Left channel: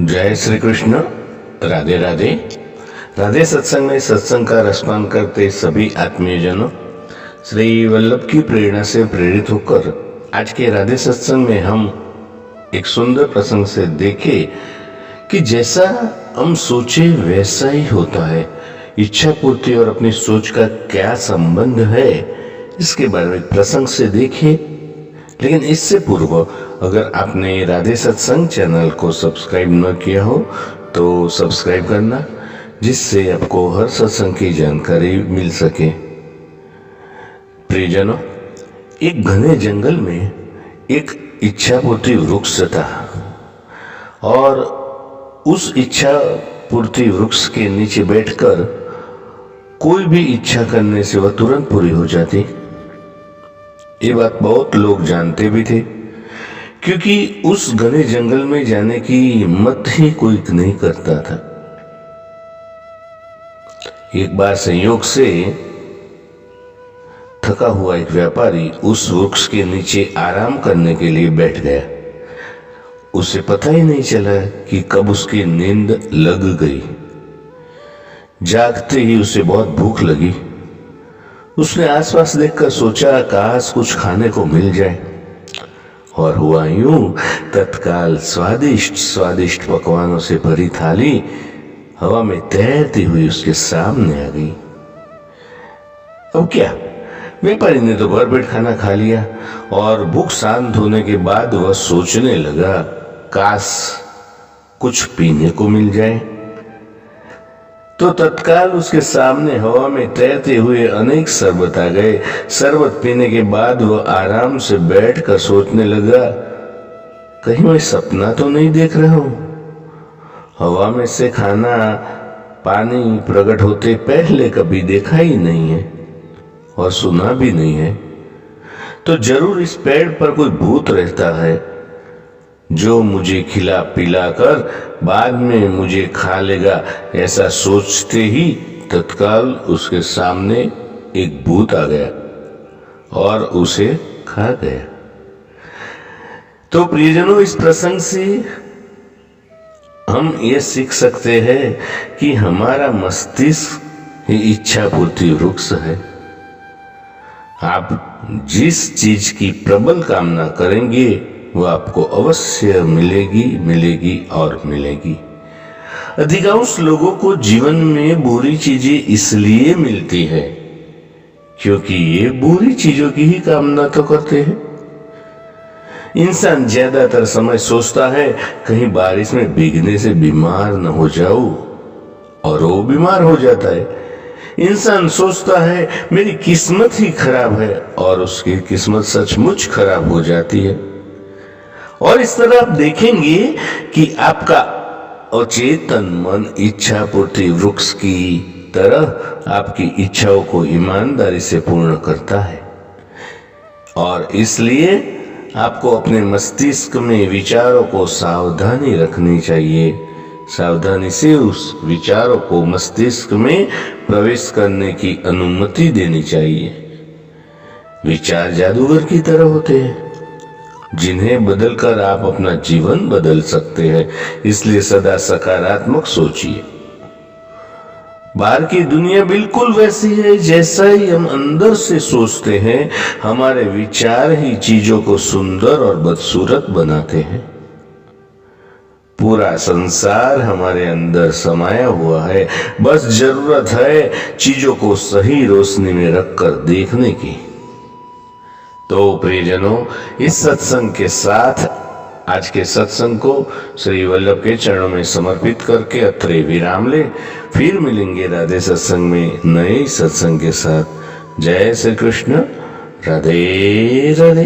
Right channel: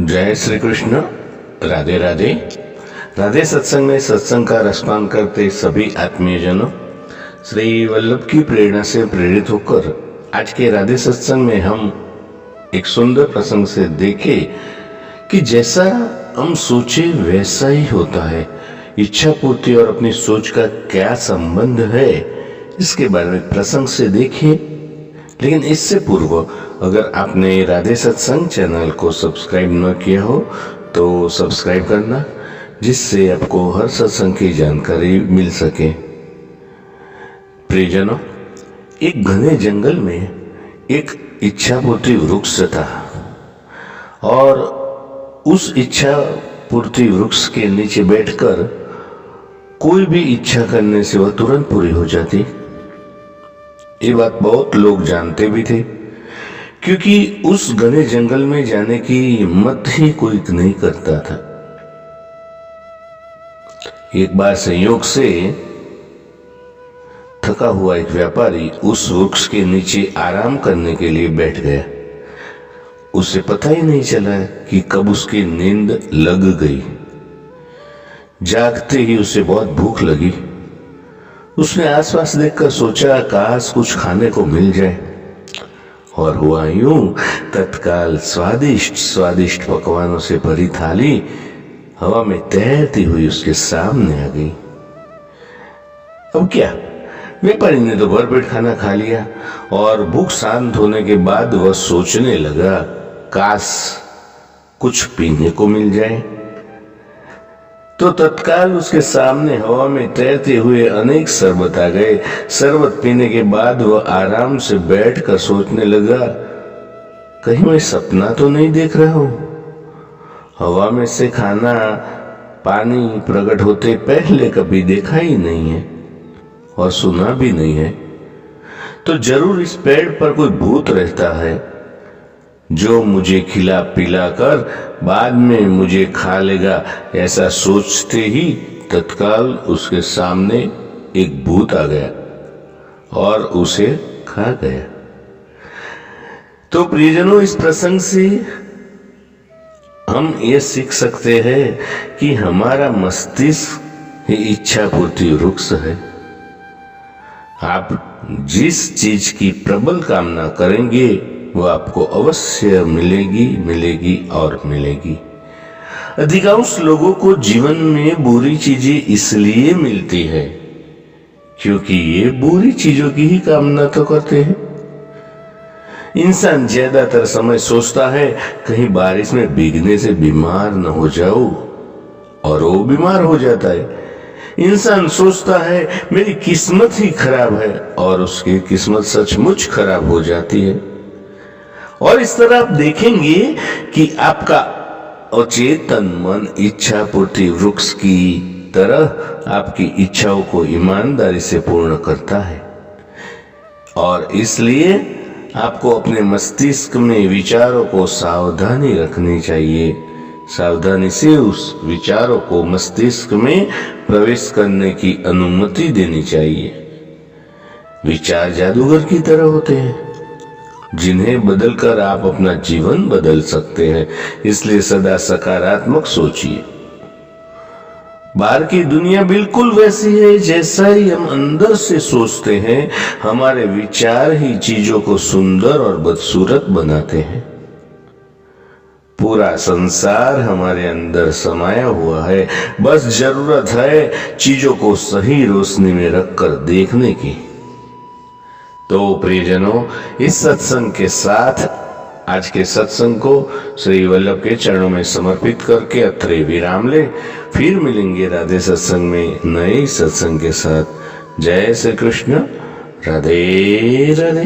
जय श्री कृष्ण। राधे राधे। राधे सत्संग में सत्संग का रसपान करते सभी आत्मीयजनों, श्री वल्लभ की प्रेरणा से प्रेरित होकर आज के राधे सत्संग में हम एक सुंदर प्रसंग से देखे कि जैसा हम सोचे वैसा ही होता है। इच्छा पूर्ति और अपनी सोच का क्या संबंध है, इसके बारे में प्रसंग से देखे। लेकिन इससे पूर्व अगर आपने राधे सत्संग चैनल को सब्सक्राइब न किया हो तो सब्सक्राइब करना, जिससे आपको हर सत्संग की जानकारी मिल सके। प्रियजनों, एक घने जंगल में एक इच्छा पूर्ति वृक्ष था और उस इच्छा पूर्ति वृक्ष के नीचे बैठकर कोई भी इच्छा करने से वह तुरंत पूरी हो जाती। ये बात बहुत लोग जानते भी थे, क्योंकि उस घने जंगल में जाने की हिम्मत ही कोई नहीं करता था। एक बार संयोग से थका हुआ एक व्यापारी उस वृक्ष के नीचे आराम करने के लिए बैठ गया। उसे पता ही नहीं चला कि कब उसकी नींद लग गई। जागते ही उसे बहुत भूख लगी। उसने आसपास देखकर सोचा, काश कुछ खाने को मिल जाए। और हुआ यूं, तत्काल स्वादिष्ट स्वादिष्ट पकवानों से भरी थाली हवा में तैरती हुई उसके सामने आ गई। अब क्या, व्यापारी ने तो भरपेट खाना खा लिया और भूख शांत होने के बाद वह सोचने लगा, काश कुछ पीने को मिल जाए। तो तत्काल उसके सामने हवा में तैरते हुए अनेक शरबत आ गए। शरबत पीने के बाद वह आराम से बैठकर सोचने लगा, कहीं मैं सपना तो नहीं देख रहा हूं। हवा में से खाना पानी प्रकट होते पहले कभी देखा ही नहीं है और सुना भी नहीं है। तो जरूर इस पेड़ पर कोई भूत रहता है जो मुझे खिला पिला कर बाद में मुझे खा लेगा। ऐसा सोचते ही तत्काल उसके सामने एक भूत आ गया और उसे खा गया। तो प्रियजनों, इस प्रसंग से हम ये सीख सकते हैं कि हमारा मस्तिष्क ही इच्छा पूर्ति वृक्ष है। आप जिस चीज की प्रबल कामना करेंगे वो आपको अवश्य मिलेगी और मिलेगी। अधिकांश लोगों को जीवन में बुरी चीजें इसलिए मिलती है क्योंकि ये बुरी चीजों की ही कामना तो करते हैं। इंसान ज्यादातर समय सोचता है कहीं बारिश में भीगने से बीमार न हो जाऊं, और वो बीमार हो जाता है। इंसान सोचता है मेरी किस्मत ही खराब है, और उसकी किस्मत सचमुच खराब हो जाती है। और इस तरह आप देखेंगे कि आपका अचेतन मन इच्छा पूर्ति वृक्ष की तरह आपकी इच्छाओं को ईमानदारी से पूर्ण करता है। और इसलिए आपको अपने मस्तिष्क में विचारों को सावधानी रखनी चाहिए। सावधानी से उस विचारों को मस्तिष्क में प्रवेश करने की अनुमति देनी चाहिए। विचार जादूगर की तरह होते हैं जिन्हें बदलकर आप अपना जीवन बदल सकते हैं। इसलिए सदा सकारात्मक सोचिए। बाहर की दुनिया बिल्कुल वैसी है जैसा ही हम अंदर से सोचते हैं। हमारे विचार ही चीजों को सुंदर और बदसूरत बनाते हैं। पूरा संसार हमारे अंदर समाया हुआ है, बस जरूरत है चीजों को सही रोशनी में रखकर देखने की। तो प्रियजनों, इस सत्संग के साथ आज के सत्संग को श्री वल्लभ के चरणों में समर्पित करके अत्रे विराम ले। फिर मिलेंगे राधे सत्संग में नए सत्संग के साथ। जय श्री कृष्ण। राधे राधे।